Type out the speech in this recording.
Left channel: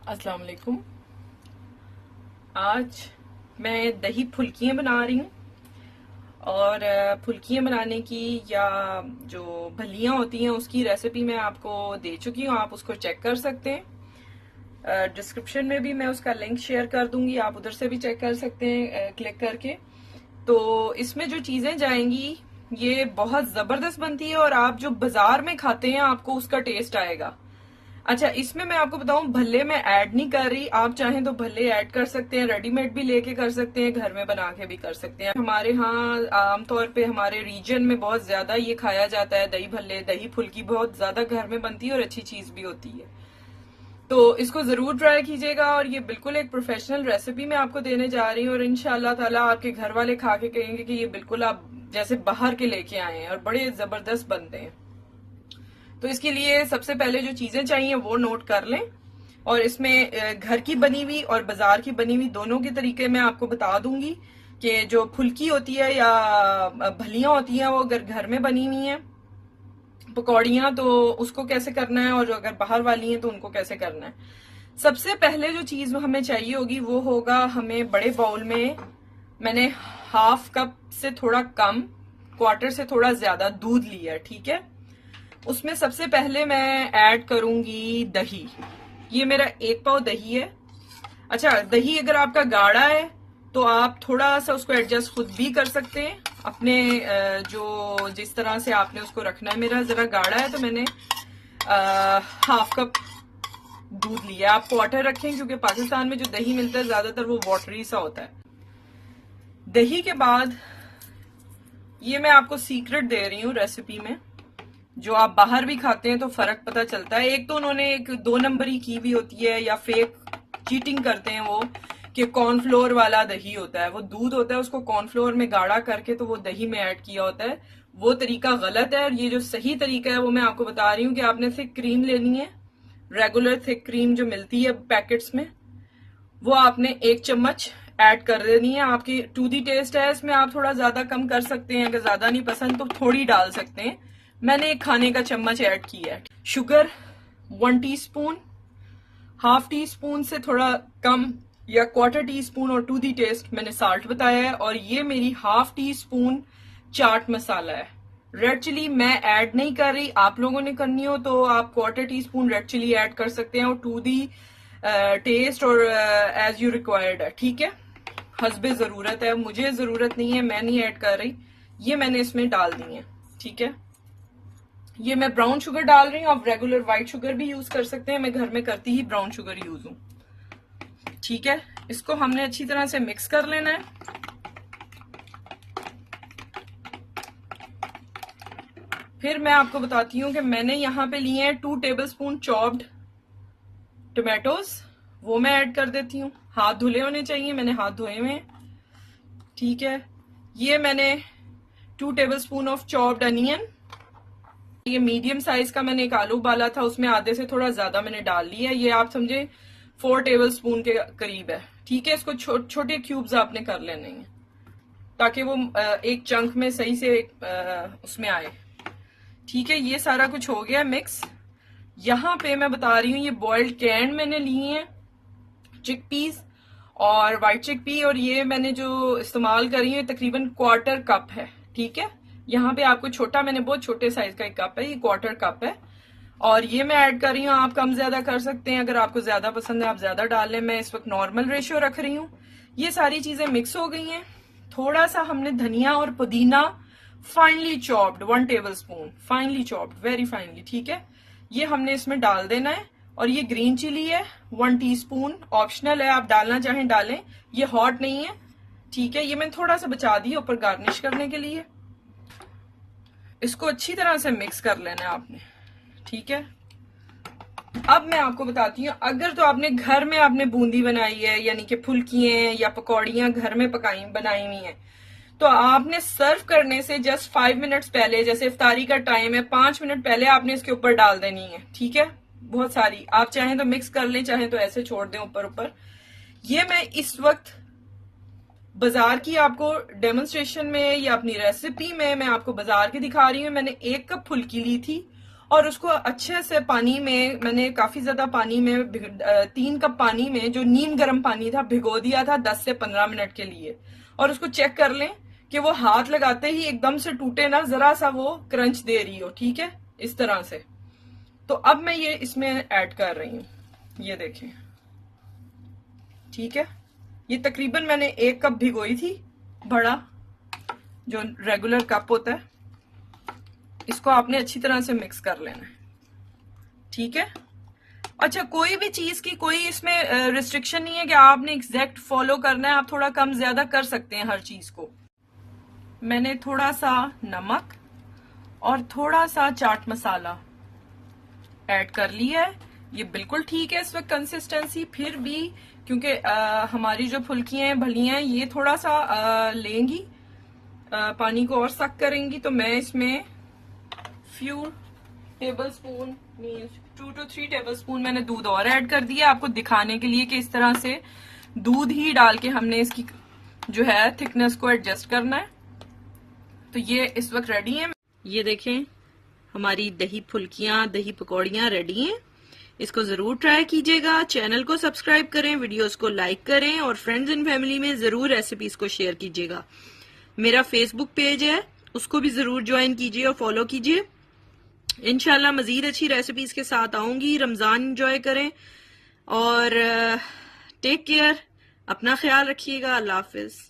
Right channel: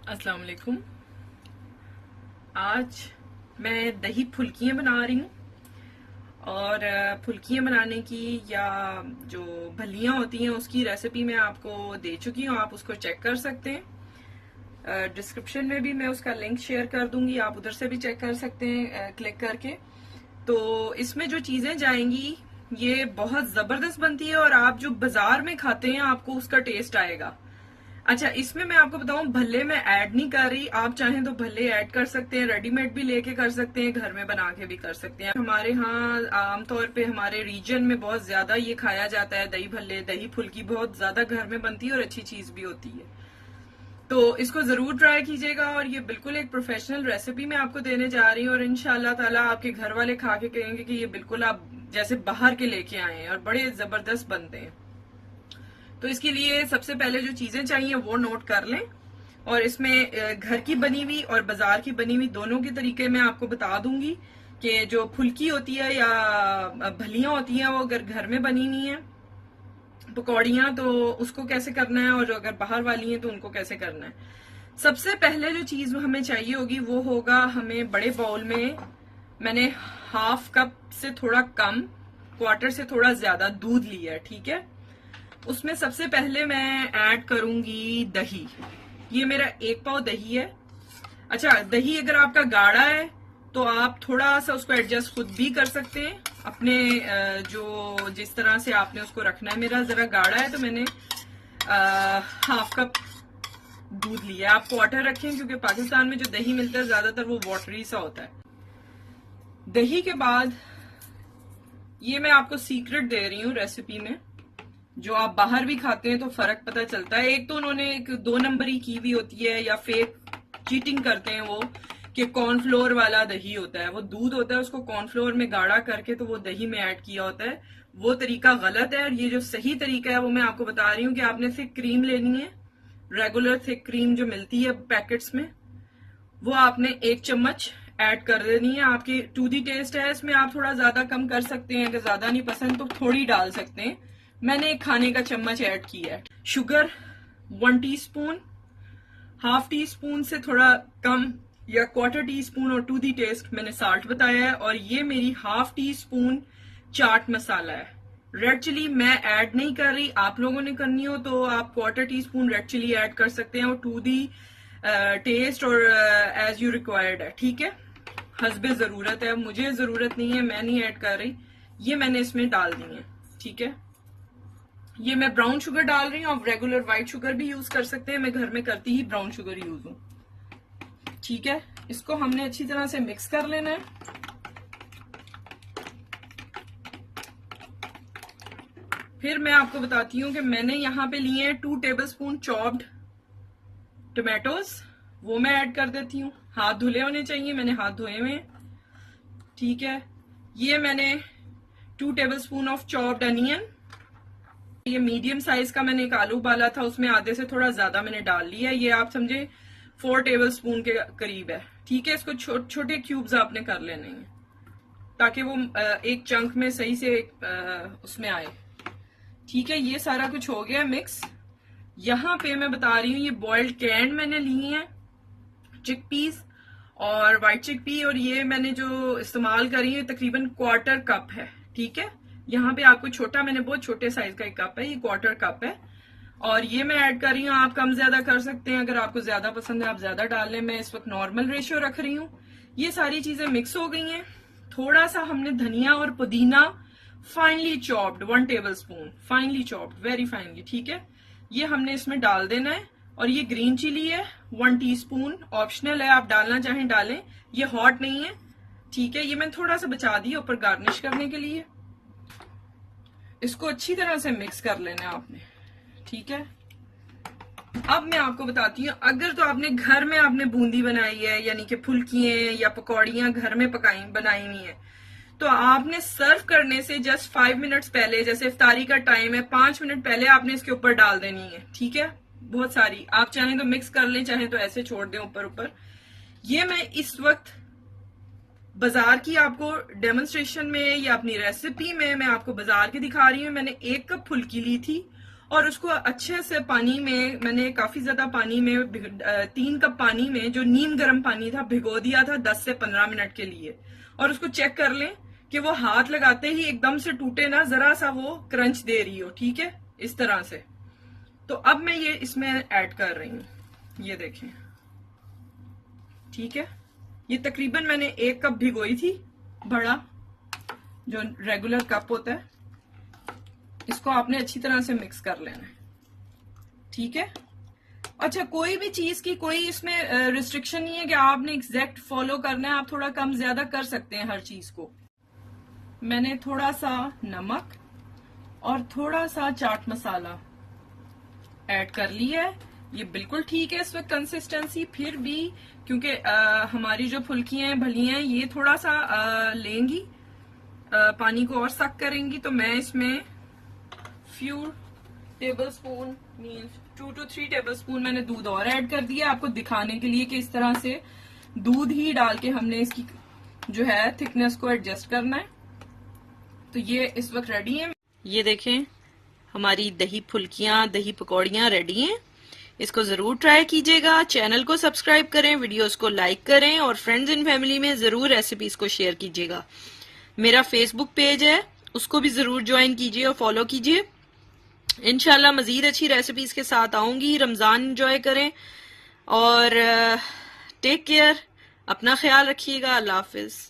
अस्सलाम वालेकुम। आज मैं दही फुल्कियाँ बना रही हूँ और फुल्कियाँ बनाने की या जो भलियाँ होती हैं उसकी रेसिपी मैं आपको दे चुकी हूँ। आप उसको चेक कर सकते हैं। डिस्क्रिप्शन में भी मैं उसका लिंक शेयर कर दूंगी, आप उधर से भी चेक कर सकते हैं क्लिक करके। तो इसमें जो चीज़ें जाएंगी ये बहुत ज़बरदस्त बनती है और आप जो बाजार में खाते हैं आपको उसका टेस्ट आएगा। अच्छा, इसमें मैं आपको बताऊं, भल्ले मैं ऐड नहीं कर रही। आप चाहें तो भल्ले ऐड कर सकते हैं, रेडीमेड भी लेके कर सकते हैं, घर में बना के भी कर सकते हैं। हमारे यहाँ आमतौर पे हमारे रीजन में बहुत ज्यादा ये खाया जाता है, दही भल्ले, दही फुल्की बहुत ज्यादा घर में बनती है और अच्छी चीज भी होती है। तो इसको जरूर ट्राई कीजिएगा और ये बिल्कुल एक प्रोफेशनल रेसिपी मैं आपको देने जा रही हूँ और इंशाल्लाह ताला आपके घर वाले खा के कहेंगे कि ये बिल्कुल आप जैसे बाहर के लेके आए हैं और बड़े जबरदस्त बनते हैं। तो इसके लिए सबसे पहले जो चीजें चाहिए वो नोट कर लें और इसमें घर की बनी हुई और बाजार की बनी हुई दोनों के तरीके मैं आपको बता दूंगी कि जो फुल्की होती है या भलियां होती हैं वो अगर घर में बनी हुई हैं पकौड़ियां तो उसको कैसे करना है और जो अगर बाहर वाली हैं तो उनको कैसे करना है। सबसे पहले जो चीज हमें चाहिए होगी वो होगा, हमें बड़े बाउल में मैंने हाफ कप से थोड़ा कम, क्वार्टर से थोड़ा ज्यादा दूध लिया है, ठीक है। उसमें सबसे पहले मैं ऐड करूंगी दही। ये मेरा 1 पाव दही है। अच्छा, दही अगर आपका गाढ़ा है तो आप थोड़ा सा उसको एडजस्ट खुद भी कर सकते हैं अपने जो जिस तरह से आपने उसको रखना है। मेरा जरा गाढ़ा है तो मैंने हाफ कप दूध लिया। आप क्वार्टर रखें क्योंकि पाकिस्तान में जो दही मिलता है ज्यादातर वो वाटरी सा होता है। दही के बाद ये मैं आपको सीक्रेट दे रही हूँ रेसिपी में, जो आप बाहर भी खाते हैं तो फर्क पता चलता है। एक तो उन्होंने एक 2 नंबरी की हुई होती है या फेक चीटिंग करते हैं वो कि कॉर्नफ्लोर वाला दही होता है, वो दूध होता है उसको कॉर्नफ्लोर में गाढ़ा करके तो वो दही में ऐड किया होता है। वो तरीका गलत है और ये जो सही तरीका है वो मैं आपको बता रही हूँ कि आपने थिक क्रीम लेनी है, रेगुलर थिक क्रीम जो मिलती है पैकेट्स में, वो आपने 1 चम्मच ऐड कर देनी है। आपकी टू दी टेस्ट है, इसमें आप थोड़ा ज्यादा कम कर सकते हैं, अगर ज्यादा नहीं पसंद तो थोड़ी डाल सकते हैं। मैंने 1 खाने का चम्मच ऐड किया है। Sugar 1 teaspoon, half teaspoon से थोड़ा कम या क्वार्टर टी स्पून और टू दी टेस्ट मैंने साल्ट बताया है। और ये मेरी half teaspoon chaat masala है। रेड चिली मैं ऐड नहीं कर रही, आप लोगों ने करनी हो तो आप quarter teaspoon red chili add कर सकते हैं और टू दी टेस्ट और एज यू रिक्वायर्ड है, ठीक है। हस्बे जरूरत है, मुझे जरूरत नहीं है, मैं नहीं ऐड कर रही। ये मैंने इसमें डाल दी है, ठीक है। ये मैं ब्राउन शुगर डाल रही हूँ, आप रेगुलर व्हाइट शुगर भी यूज कर सकते हैं, मैं घर में करती ही ब्राउन शुगर यूज हूँ, ठीक है। इसको हमने अच्छी तरह से मिक्स कर लेना है। फिर मैं आपको बताती हूँ कि मैंने यहाँ पे लिए हैं 2 टेबलस्पून चॉप्ड टोमेटोज, वो मैं ऐड कर देती हूँ। हाथ धुले होने चाहिए, मैंने हाथ धोए हुए हैं, ठीक है। ये मैंने 2 टेबलस्पून ऑफ चॉप्ड अनियन, ये मीडियम साइज का मैंने एक आलू उबाला था, उसमें आधे से थोड़ा ज्यादा मैंने डाल लिया। ये आप समझे 4 टेबलस्पून के करीब है, ठीक है। इसको छोटे क्यूब्स आपने कर लेने हैं ताकि वो एक चंक में सही से उसमें आए, ठीक है। ये सारा कुछ हो गया मिक्स। यहाँ पे मैं बता रही हूँ, ये बॉइल्ड कैन मैंने ली है चिकपीस और व्हाइट चिकपी, और ये मैंने जो इस्तेमाल करी है तकरीबन क्वार्टर कप है, ठीक है। यहाँ पे आपको छोटा, मैंने बहुत छोटे साइज का एक कप है, ये क्वार्टर कप है और ये मैं ऐड कर रही हूँ। आप कम ज्यादा कर सकते हैं, अगर आपको ज्यादा पसंद है आप ज्यादा डाल लें। मैं इस वक्त नॉर्मल रेशियो रख रही हूँ। ये सारी चीजें मिक्स हो गई हैं। थोड़ा सा हमने धनिया और पुदीना finally chopped 1 tablespoon, finally chopped, very finally, ठीक है। ये हमने इसमें डाल देना है। और ये ग्रीन चिली है 1 टीस्पून, ऑप्शनल है, आप डालना चाहें डालें, ये हॉट नहीं है, ठीक है। ये मैंने थोड़ा सा बचा दिया ऊपर गार्निश करने के लिए। इसको अच्छी तरह से मिक्स कर लेना है आपने, ठीक है। अब मैं आपको बताती हूँ, अगर तो आपने घर में आपने बूंदी बनाई है, यानी कि फुल्कियां या पकौड़ियां घर में बनाई हुई हैं, तो आपने सर्व करने से जस्ट 5 मिनट्स पहले, जैसे इफ्तारी का टाइम है, 5 मिनट पहले आपने इसके ऊपर डाल देनी है, ठीक है। बहुत सारी, आप चाहें तो मिक्स कर लें, चाहें तो ऐसे छोड़ दें ऊपर ऊपर। ये मैं इस वक्त बाजार की आपको डेमोन्स्ट्रेशन में या अपनी रेसिपी में मैं आपको बाजार की दिखा रही हूँ। मैंने 1 कप फुल्की ली थी और उसको अच्छे से पानी में, मैंने काफी ज्यादा पानी में 3 कप पानी में जो नीम गर्म पानी था भिगो दिया था 10 से 15 मिनट के लिए। और उसको चेक कर लें कि वो हाथ लगाते ही एकदम से टूटे ना, जरा सा वो क्रंच दे रही हो, ठीक है, इस तरह से। तो अब मैं ये इसमें ऐड कर रही हूँ, ये देखें, ठीक है। ये तकरीबन मैंने 1 कप भिगोई थी, बड़ा जो रेगुलर कप होता है। इसको आपने अच्छी तरह से मिक्स कर लेना, ठीक है। अच्छा, कोई भी चीज की कोई इसमें रिस्ट्रिक्शन नहीं है कि आपने एग्जैक्ट फॉलो करना है, आप थोड़ा कम ज्यादा कर सकते हैं हर चीज को। मैंने थोड़ा सा नमक और थोड़ा सा चाट मसाला ऐड कर लिया है। ये बिल्कुल ठीक है इस वक्त कंसिस्टेंसी, फिर भी क्योंकि हमारी जो फुल्कियां हैं, भलियां हैं, ये थोड़ा सा लेंगी, पानी को और सक करेंगी, तो मैं इसमें few table spoon, 2 to 3 table spoon मैंने दूध और ऐड कर दिया, आपको दिखाने के लिए कि इस तरह से दूध ही डाल के हमने इसकी जो है थिकनेस को एडजस्ट करना है। तो ये इस वक्त रेडी है। ये देखें, हमारी दही फुल्कियां, दही पकौड़ियां रेडी हैं। इसको जरूर ट्राई कीजिएगा। चैनल को सब्सक्राइब करें, वीडियोस को लाइक करें और फ्रेंड्स एंड फैमिली में जरूर रेसिपीज को शेयर कीजिएगा। मेरा फेसबुक पेज है, उसको भी जरूर ज्वाइन कीजिए और फॉलो कीजिए। इंशाल्लाह मजीद अच्छी रेसिपीज के साथ आऊंगी। रमजान एंजॉय करें और टेक केयर, अपना ख्याल रखिएगा। अल्लाह हाफिज।